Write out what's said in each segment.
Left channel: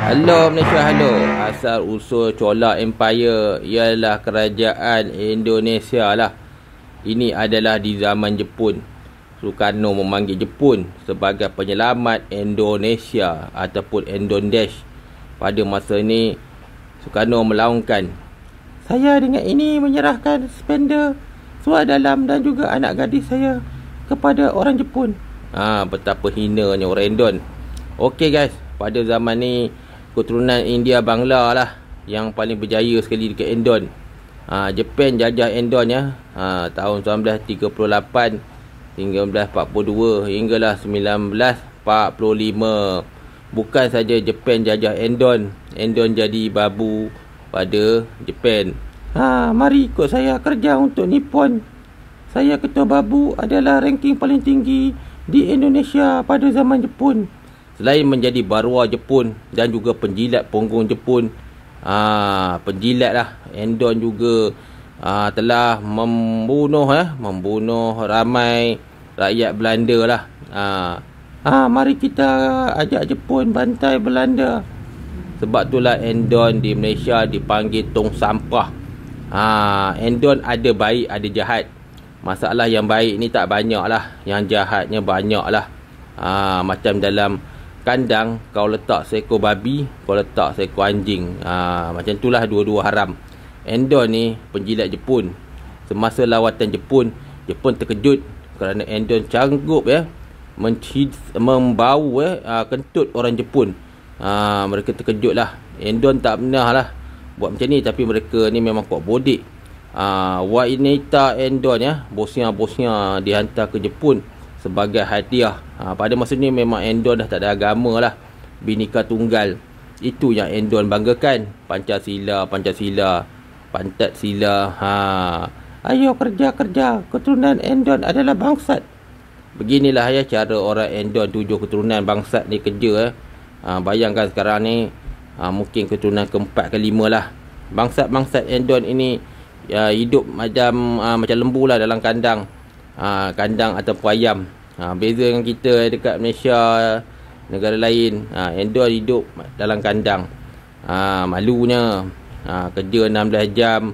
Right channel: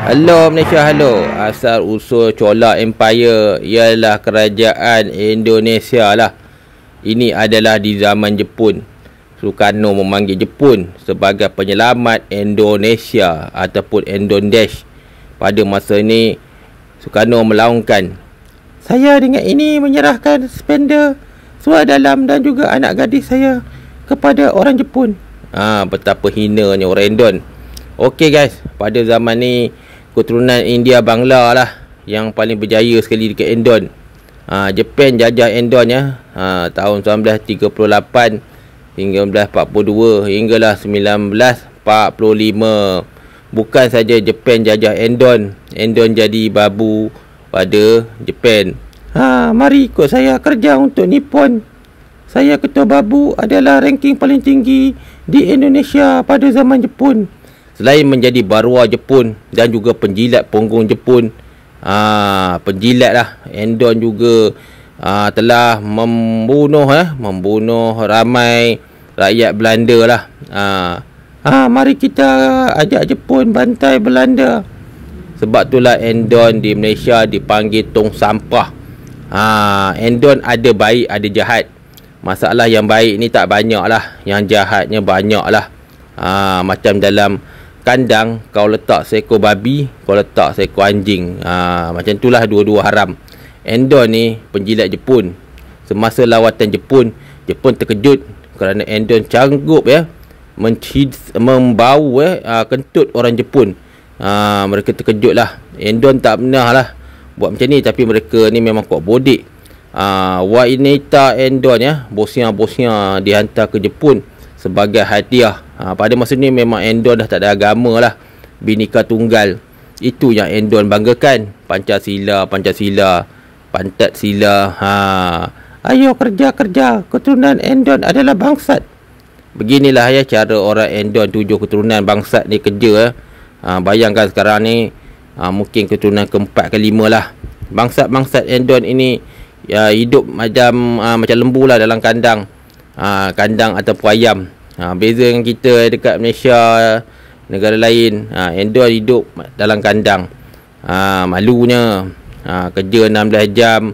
Halo Malaysia, halo. Asal usul Chola Empire ialah kerajaan Indonesia lah. Ini adalah di zaman Jepun. Sukarno memanggil Jepun sebagai penyelamat Indonesia ataupun Indonesian. Pada masa ini, Sukarno melaungkan, saya dengan ini menyerahkan spender, suara dalam dan juga anak gadis saya kepada orang Jepun. Betapa hinanya orang Indon. Okey guys, pada zaman ni keturunan India Bangla lah yang paling berjaya sekali dekat Indon. Jepun jajah Indon ya, tahun 1938 hingga 1942 hinggalah 1945. Bukan saja Jepun jajah Indon, Indon jadi babu pada Jepun. Mari ikut saya kerja untuk Nippon. Saya ketua babu adalah ranking paling tinggi di Indonesia pada zaman Jepun. Selain menjadi baruah Jepun dan juga penjilat punggung Jepun, penjilat lah, Indon juga telah membunuh ramai rakyat Belanda lah. Mari kita ajak Jepun bantai Belanda. Sebab itulah Indon di Malaysia dipanggil tong sampah. Indon ada baik ada jahat. Masalah yang baik ni tak banyak lah, yang jahatnya banyak lah. Macam dalam kandang kau letak seekor babi, kau letak seekor anjing. Macam itulah dua-dua haram. Indon ni penjilat Jepun. Semasa lawatan Jepun, Jepun terkejut kerana Indon canggup membau kentut orang Jepun. Mereka terkejut lah. Indon tak pernah lah buat macam ni, tapi mereka ni memang kuat bodik. Wanita Indon bosnya dihantar ke Jepun sebagai hadiah. Pada masa ni memang Indon dah tak ada agama lah, Bhinneka Tunggal. Itu yang Indon banggakan. Pancasila, pantat sila. Ayo kerja, keturunan Indon adalah bangsat. Beginilah ya cara orang Indon 7 keturunan bangsat ni kerja. Bayangkan sekarang ni mungkin keturunan keempat ke lima lah. Bangsat Indon ini hidup macam lembu lah dalam kandang. Kandang ataupun ayam. Beza dengan kita dekat Malaysia, negara lain, Indon hidup dalam kandang. Malunya kerja 16 jam.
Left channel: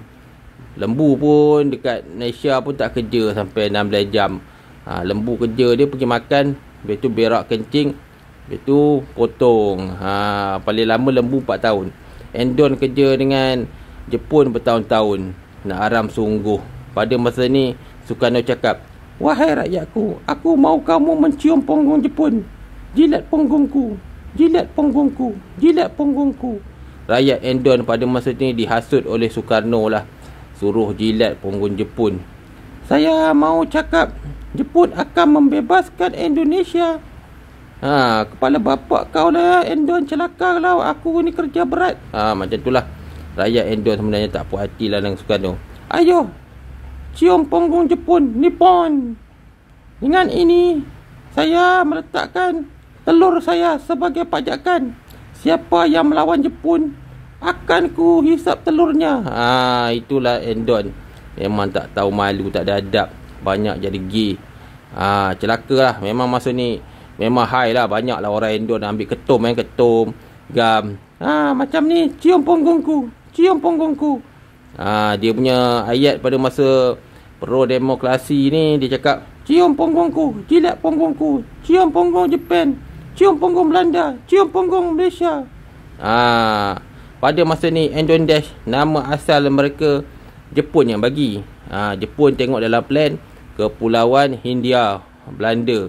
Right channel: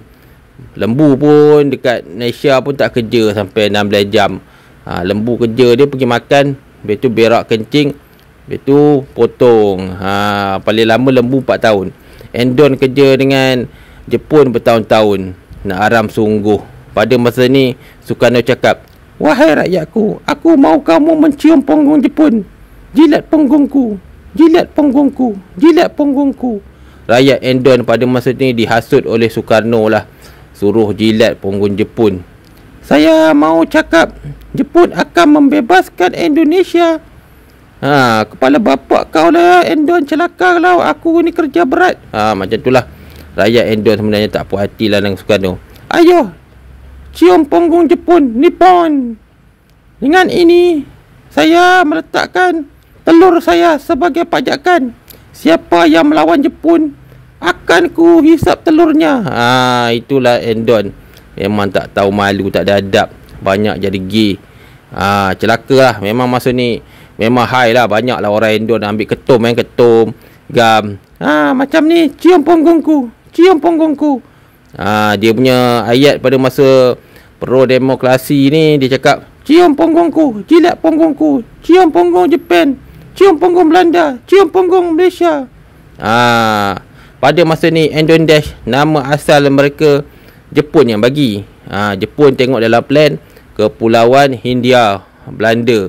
Lembu pun dekat Malaysia pun tak kerja sampai 16 jam. Lembu kerja dia pergi makan, lepas tu berak kencing, lepas tu potong. Paling lama lembu 4 tahun. Indon kerja dengan Jepun bertahun-tahun. Nak haram sungguh. Pada masa ni Sukarno cakap, wahai rakyatku, aku mau kamu mencium punggung Jepun. Jilat punggungku, jilat punggungku, jilat punggungku. Rakyat Indon pada masa ni dihasut oleh Sukarno lah, suruh jilat punggung Jepun. Saya mau cakap, Jepun akan membebaskan Indonesia. Kepala bapak kau lah Indon, celaka lah, aku ni kerja berat. Macam itulah. Rakyat Indon sebenarnya tak puas hati lah dengan Sukarno. Ayo, cium punggung Jepun, Nippon. Dengan ini, saya meletakkan telur saya sebagai pajakan. Siapa yang melawan Jepun, akan ku hisap telurnya. Itulah Indon. Memang tak tahu malu, tak ada adab. Banyak jadi gay. Celaka lah. Memang masa ni memang high lah. Banyak lah orang Indon ambil ketum, gam. Macam ni, cium punggungku, cium punggungku. Dia punya ayat pada masa pro demokrasi ni, dia cakap, cium punggungku, jilat punggungku, cium punggung Jepun, cium punggung Belanda, cium punggung Malaysia. Pada masa ni Indonesia, nama asal mereka Jepun yang bagi. Jepun tengok dalam plan Kepulauan Hindia Belanda.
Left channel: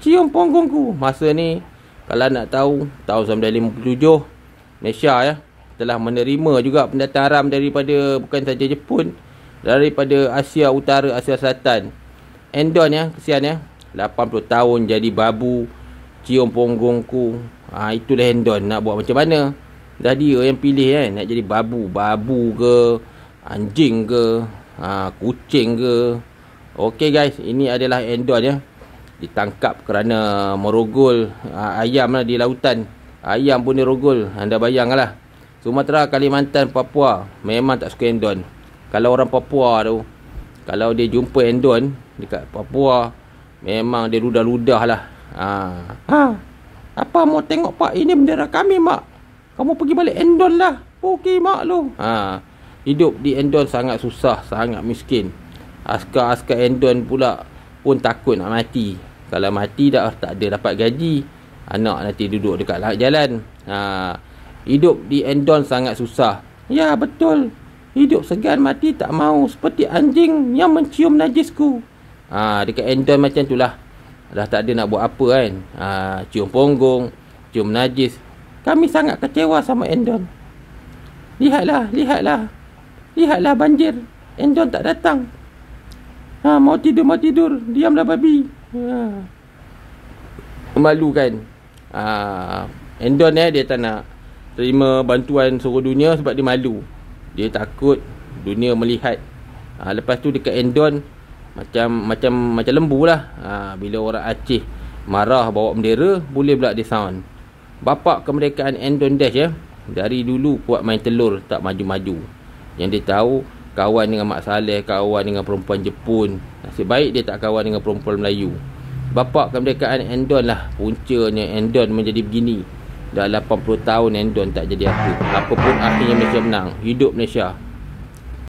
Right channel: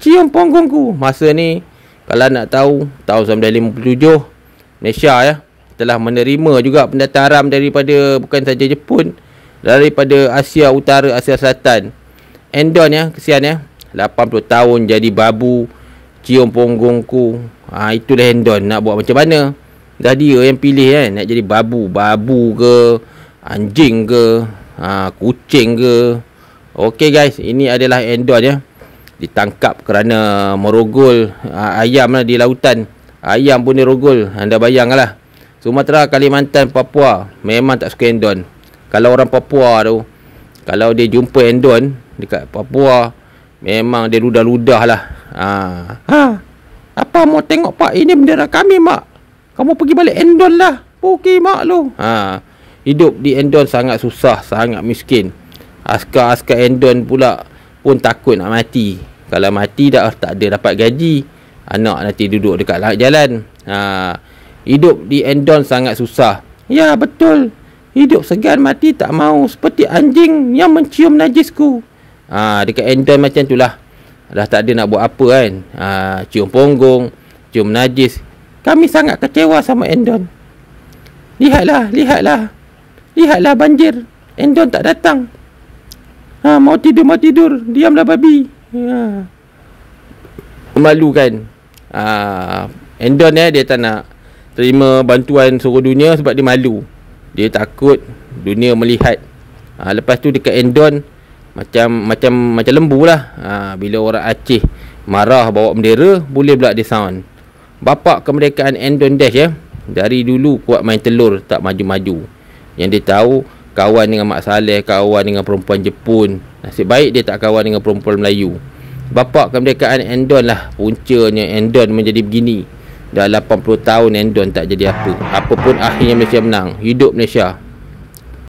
Cium punggungku. Masa ni kalau nak tahu, tahun 1957 Malaysia telah menerima juga pendatang haram daripada bukan saja Jepun, daripada Asia Utara, Asia Selatan. Indon kesian 80 tahun jadi babu, cium punggungku. Itulah Indon. Nak buat macam mana? Dah dia yang pilih nak jadi babu ke, anjing ke, kucing ke. Okey guys, ini adalah Indon ditangkap kerana merogol ayam lah di lautan. Ayam pun dirogol. Anda bayanglah. Sumatera, Kalimantan, Papua memang tak suka Indon. Kalau orang Papua tu, kalau dia jumpa Indon dekat Papua, memang dia ludah-ludah lah. Apa mau tengok pak? Ini bendera kami mak. Kamu pergi balik Endon lah. Okey mak lu. Hidup di Endon sangat susah, sangat miskin. Askar-askar Endon pula pun takut nak mati. Kalau mati dah tak ada dapat gaji, anak nanti duduk dekat jalan. Hidup di Endon sangat susah. Ya betul. Hidup segan mati tak mau, seperti anjing yang mencium najisku. Dekat Endon macam tu lah. Dah tak ada nak buat apa kan. Cium punggung, cium najis. Kami sangat kecewa sama Endon. Lihatlah banjir. Endon tak datang. Mau tidur. Diamlah babi. Malu kan. Endon dia tak nak terima bantuan seluruh dunia sebab dia malu. Dia takut dunia melihat. Lepas tu dekat Endon macam lembu lah. Bila orang Aceh marah bawa bendera, boleh pula dia sound. Bapak kemerdekaan Endon Dash dari dulu kuat main telur, tak maju-maju. Yang dia tahu, kawan dengan Mak Saleh, kawan dengan perempuan Jepun. Nasib baik dia tak kawan dengan perempuan Melayu. Bapak kemerdekaan Endon lah puncanya Endon menjadi begini. Dah 80 tahun Endon tak jadi apa. Apapun akhirnya Malaysia menang. Hidup Malaysia.